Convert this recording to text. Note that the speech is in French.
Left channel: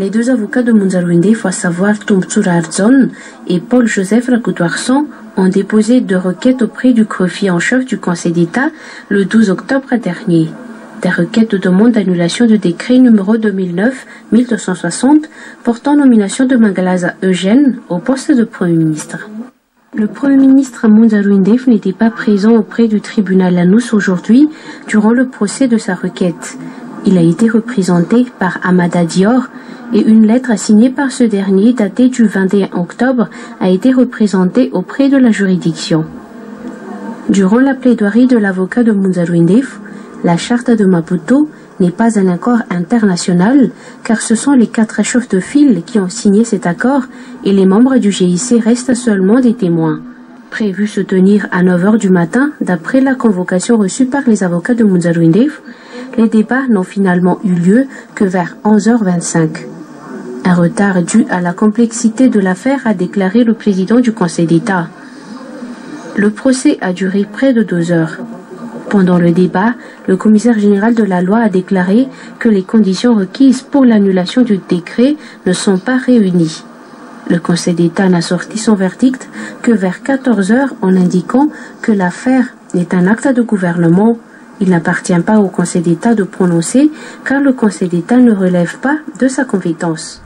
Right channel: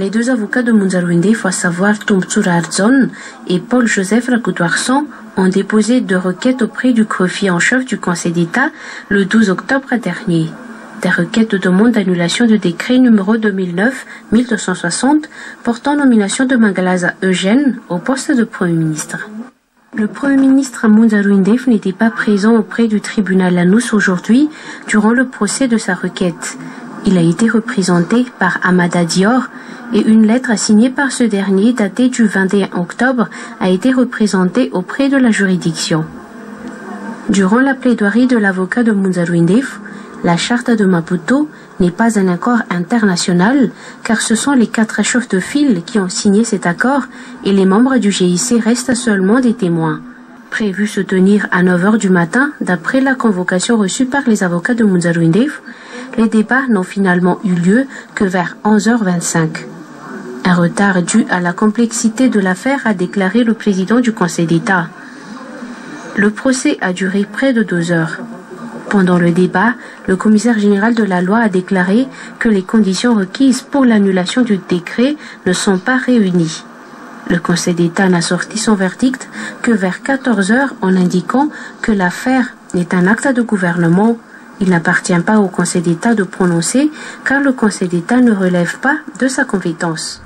Les deux avocats de Munzarouindef, à savoir Toumtsour Ardzon et Paul-Joseph Rakoutoarson, ont déposé deux requêtes auprès du greffier en chef du Conseil d'État le 12 octobre dernier. Des requêtes de demande d'annulation de décret numéro 2009-1260 portant nomination de Mangalaza Eugène au poste de Premier ministre. Le Premier ministre Munzarouindef n'était pas présent auprès du tribunal Lanous aujourd'hui durant le procès de sa requête. Il a été représenté par Amada Dior et une lettre signée par ce dernier datée du 21 octobre a été représentée auprès de la juridiction. Durant la plaidoirie de l'avocat de Munzarouindef, la charte de Maputo n'est pas un accord international car ce sont les 4 chefs de file qui ont signé cet accord et les membres du GIC restent seulement des témoins. Prévu se tenir à 9h du matin d'après la convocation reçue par les avocats de Munzarouindef, les débats n'ont finalement eu lieu que vers 11h25. Un retard dû à la complexité de l'affaire a déclaré le président du Conseil d'État. Le procès a duré près de 2 heures. Pendant le débat, le commissaire général de la loi a déclaré que les conditions requises pour l'annulation du décret ne sont pas réunies. Le Conseil d'État n'a sorti son verdict que vers 14 heures en indiquant que l'affaire est un acte de gouvernement. Il n'appartient pas au Conseil d'État de prononcer car le Conseil d'État ne relève pas de sa compétence.